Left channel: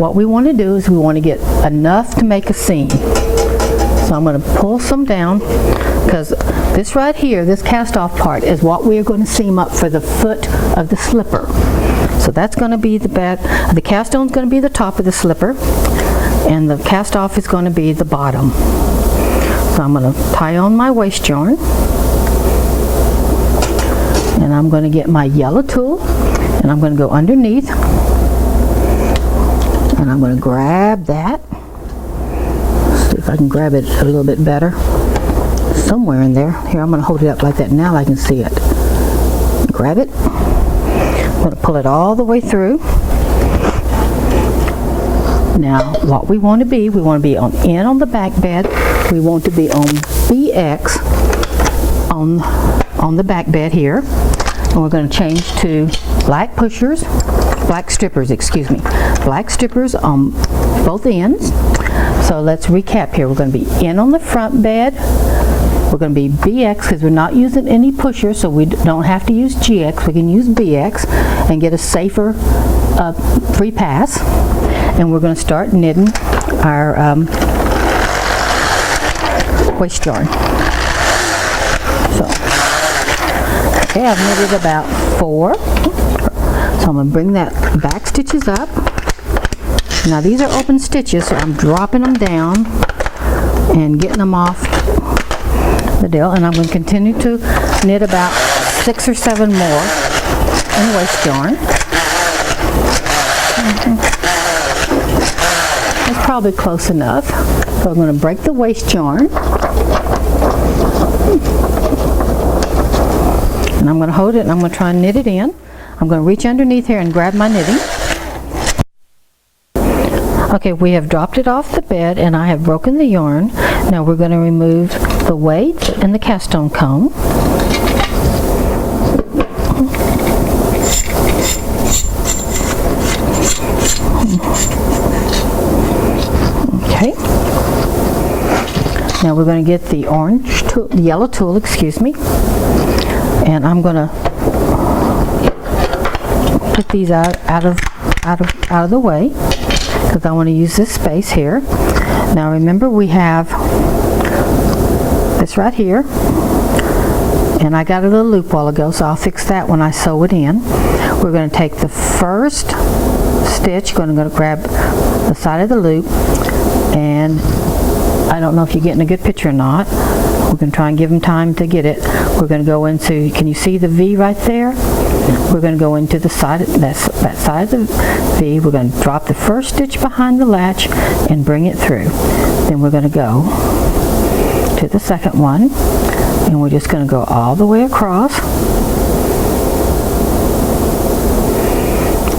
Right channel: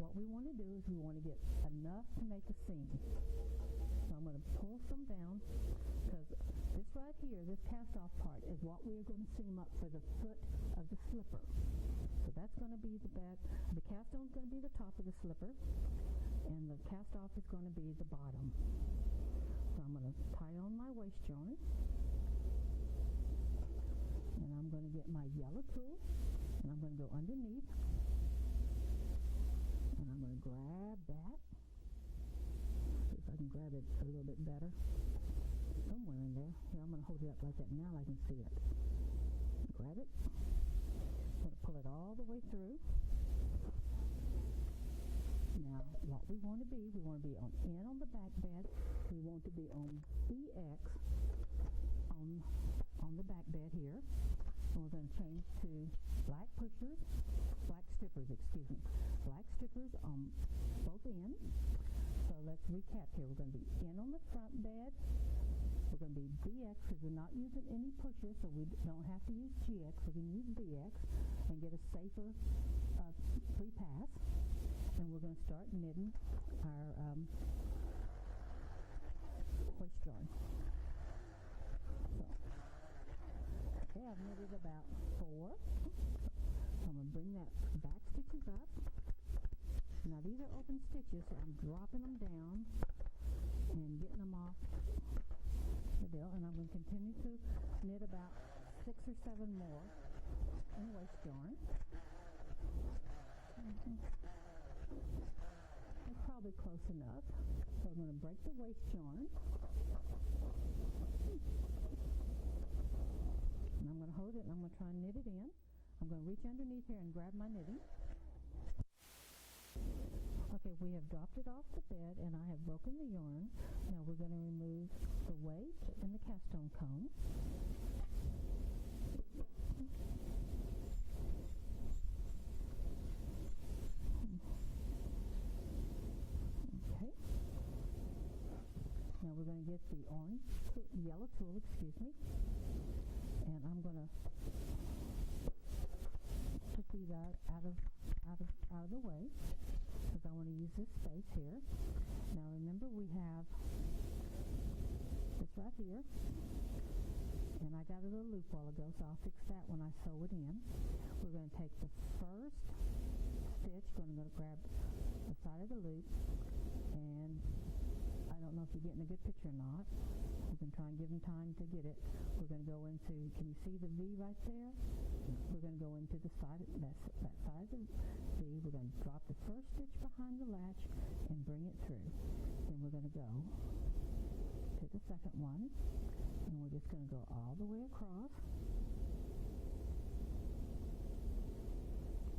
what we want to do is we want to get enough to make a seam. So I'm going to pull some down, because this right here, this cast off part, is what we're going to seam up for the foot of the slipper. So that's going to be the back. The cast on is going to be the top of the slipper, and the cast off is going to be the bottom. So I'm going to tie on my waist yarn, and I'm going to get my yellow tool, and I'm going to go underneath, and I'm going to grab that. See if I can grab it a little bit better. Somewhere in there. Here, I'm going to hold it up like that. Now I can see it. Grab it. I'm going to pull it all the way through. Now, what we want to be on the back bed. We want to be on BX on the back bed here. And we're going to change to black strippers, excuse me. Black strippers on both ends. So let's recap here. We're going to be in on the front bed. We're going to be BX because we're not using any pushers, so we don't have to use GX. We can use BX and get a safer free pass. And we're going to start knitting our waist yarn. So, okay, I've knitted about 4. So I'm going to bring that back stitches up. Now these are open stitches, so I'm dropping them down and getting them off the deal, and I'm going to continue to knit about 6 or 7 more in waist yarn. That's probably close enough. So I'm going to break the waist yarn, and I'm going to hold it and I'm going to try and knit it in. I'm going to reach underneath here and grab my knitting. Okay, we have dropped it off the bed and I have broken the yarn. Now we're going to remove the weight and the cast on comb. Okay. Now we're going to get the orange tool, the yellow tool, excuse me, and I'm going to put these out of the way, because I want to use this space here. Now remember, we have this right here, and I got a little loop while ago, so I'll fix that when I sew it in. We're going to take the first stitch, going to grab the side of the loop, and I don't know if you're getting a good picture or not. We're going to try and give them time to get it. We're going to go into, can you see the V right there? We're going to go into the side, that side of the V. We're going to drop the first stitch behind the latch and bring it through. Then we're going to go to the second one, and we're just going to go all the way across.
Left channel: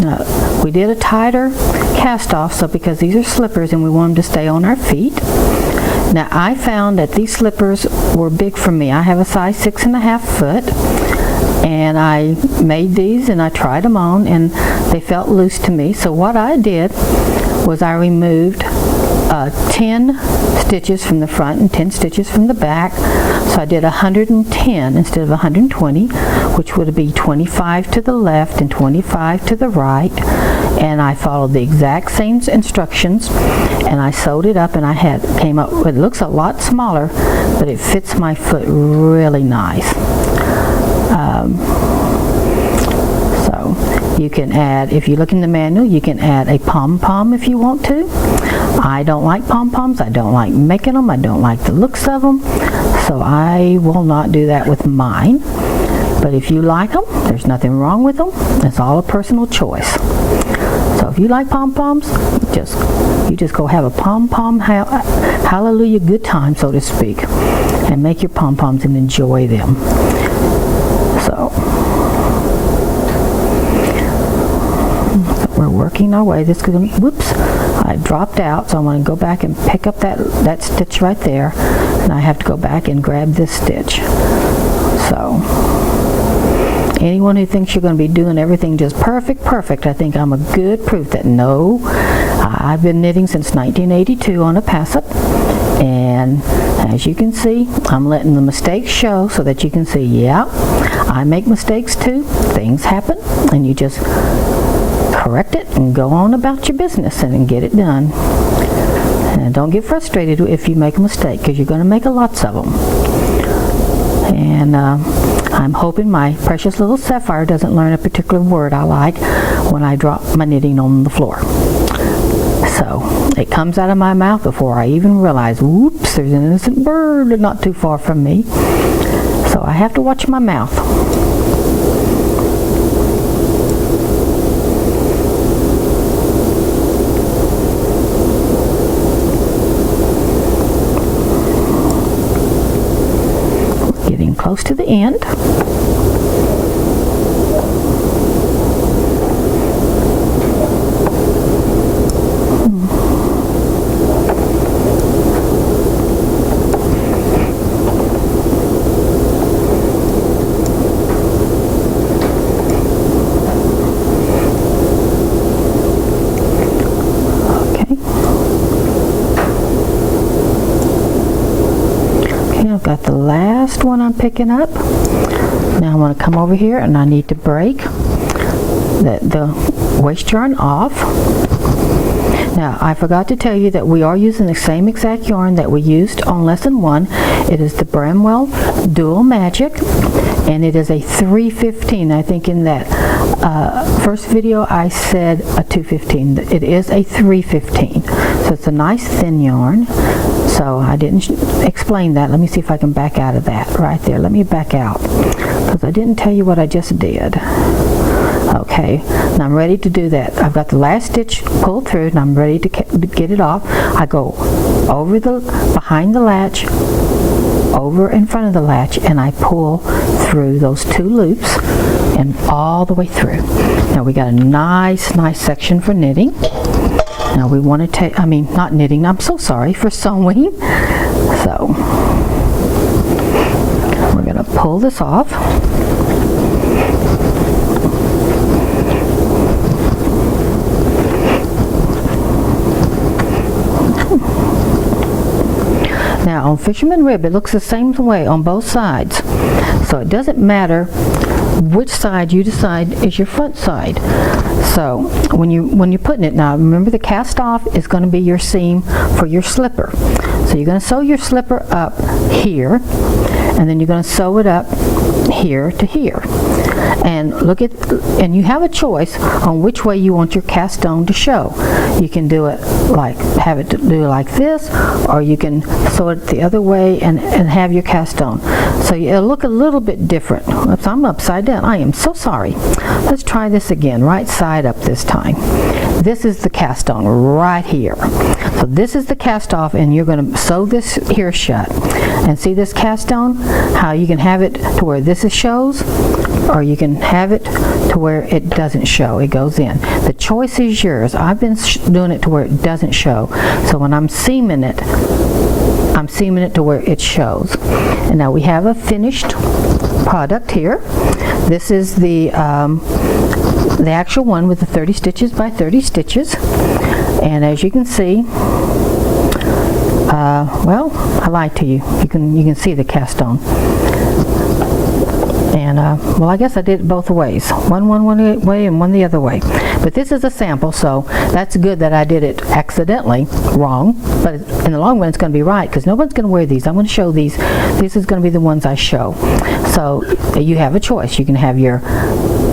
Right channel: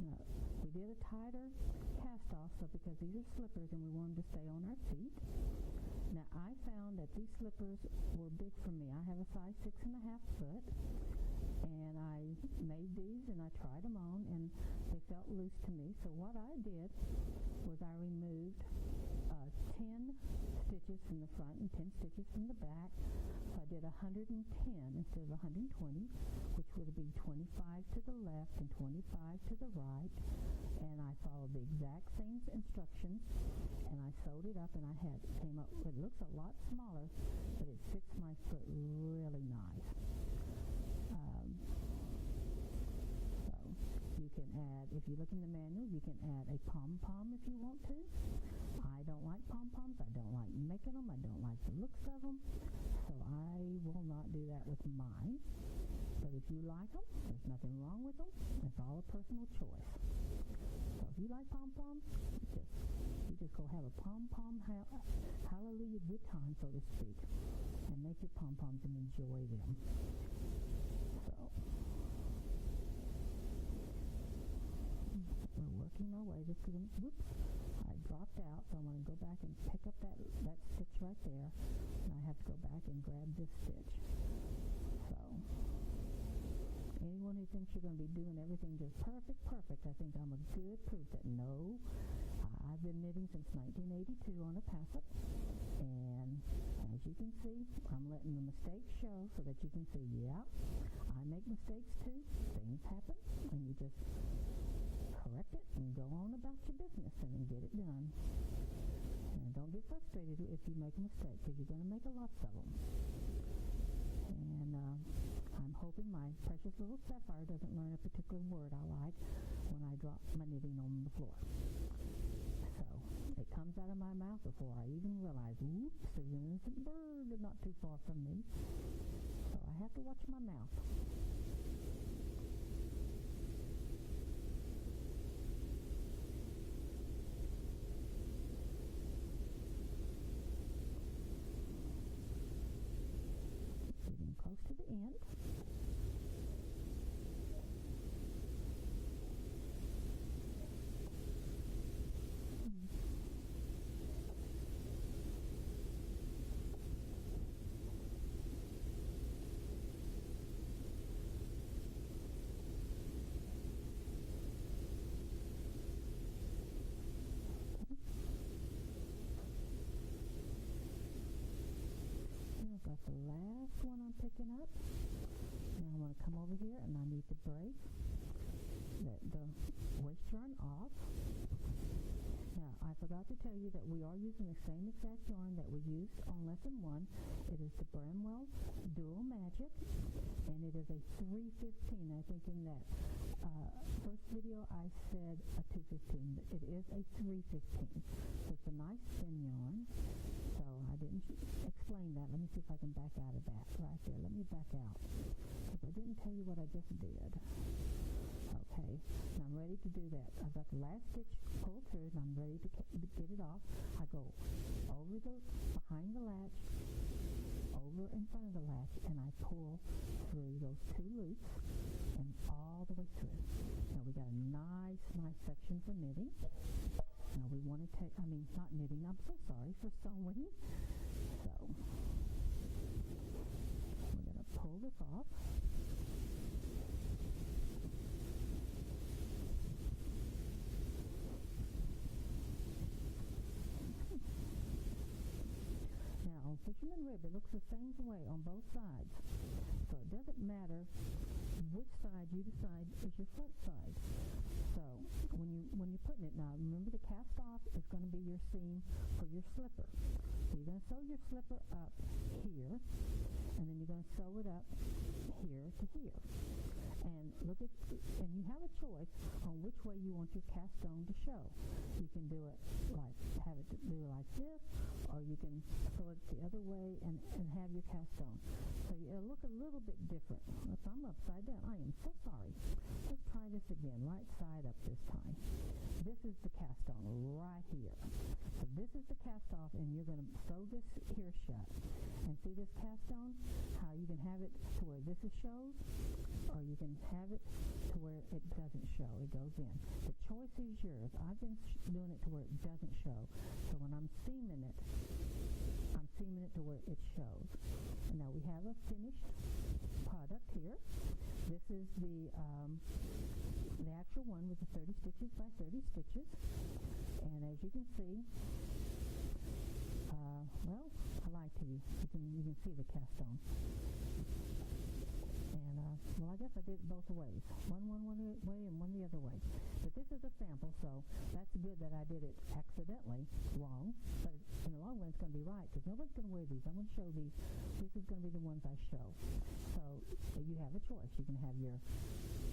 Now, we did a tighter cast off, so because these are slippers and we want them to stay on our feet. Now I found that these slippers were big for me. I have a size 6.5 foot, and I made these and I tried them on and they felt loose to me. So what I did was I removed 10 stitches from the front and 10 stitches from the back. So I did 110 instead of 120, which would be 25 to the left and 25 to the right. And I followed the exact same instructions, and I sewed it up, and came up, it looks a lot smaller, but it fits my foot really nice. So you can add, if you look in the manual, you can add a pom-pom if you want to. I don't like pom-poms. I don't like making them. I don't like the looks of them. So I will not do that with mine. But if you like them, there's nothing wrong with them. It's all a personal choice. So if you like pom-poms, you just go have a pom-pom hallelujah good time, so to speak, and make your pom-poms and enjoy them. So we're working our way. This is going. Whoops! I dropped out, so I'm going to go back and pick up that stitch right there, and I have to go back and grab this stitch. So anyone who thinks you're going to be doing everything just perfect, I think I'm a good proof that no. I've been knitting since 1982 on a Passap, and as you can see, I'm letting the mistakes show so that you can see, yeah, I make mistakes too. Things happen, and you just correct it and go on about your business and get it done. And don't get frustrated if you make a mistake, because you're going to make lots of them. And I'm hoping my precious little Sapphire doesn't learn a particular word I like when I drop my knitting on the floor. So it comes out of my mouth before I even realize, whoops, there's an innocent bird not too far from me. So I have to watch my mouth. Getting close to the end. I've got the last one I'm picking up. Now I want to come over here and I need to break the waist yarn off. Now I forgot to tell you that we are using the same exact yarn that we used on lesson 1. It is the Bramwell Dual Magic, and it is a 315. I think in that first video I said a 215. It is a 315. So it's a nice thin yarn. So I didn't explain that. Let me see if I can back out of that right there. Let me back out, because I didn't tell you what I just did. Okay, now I'm ready to do that. I've got the last stitch pulled through and I'm ready to get it off. I go over behind the latch, over in front of the latch, and I pull through those 2 loops and all the way through. Now we got a nice section for knitting. Now we want to take, not knitting, I'm so sorry, for sewing. So we're going to pull this off. Now on Fisherman Rib, it looks the same way on both sides. So it doesn't matter which side you decide is your front side. So when you're putting it, now remember the cast off is going to be your seam for your slipper. So you're going to sew your slipper up here, and then you're going to sew it up here to here. And and you have a choice on which way you want your cast on to show. You can do it have it do like this, or you can sew it the other way and have your cast on. So it'll look a little bit different. Oops, I'm upside down. I am so sorry. Let's try this again. Right side up this time. This is the cast on right here. So this is the cast off, and you're going to sew this here shut. And see this cast on? How you can have it to where this shows, or you can have it to where it doesn't show. It goes in. The choice is yours. I've been doing it to where it doesn't show. So when I'm seaming it, I'm seaming it to where it shows. And now we have a finished product here. This is the actual one with the 30 stitches by 30 stitches. And as you can see, well, I lied to you. You can see the cast on. And well, I guess I did it both ways. One way and one the other way. But this is a sample, so that's good that I did it accidentally wrong. But in the long run, it's going to be right, because no one's going to wear these. I'm going to show these. This is going to be the ones I show. So you have a choice. You can have your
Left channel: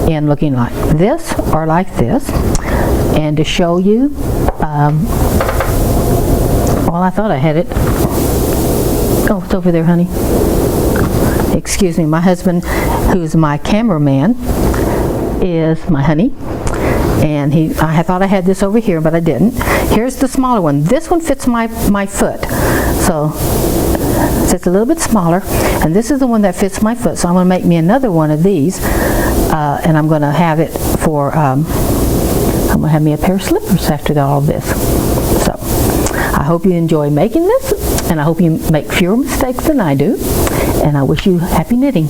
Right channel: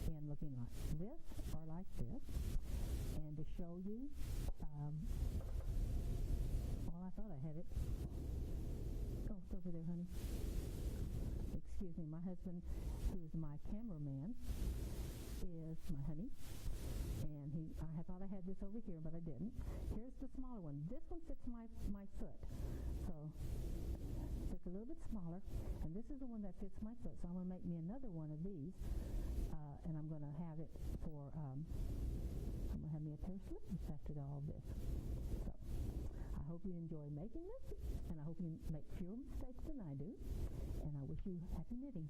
end looking like this or like this. And to show you, well, I thought I had it. Oh, it's over there, honey. Excuse me, my husband, who's my cameraman, is my honey. And I thought I had this over here, but I didn't. Here's the smaller one. This one fits my foot. So it's a little bit smaller. And this is the one that fits my foot. So I'm going to make me another one of these. And I'm going to have it for, I'm going to have me a pair of slippers after all this. So I hope you enjoy making this. And I hope you make fewer mistakes than I do. And I wish you happy knitting.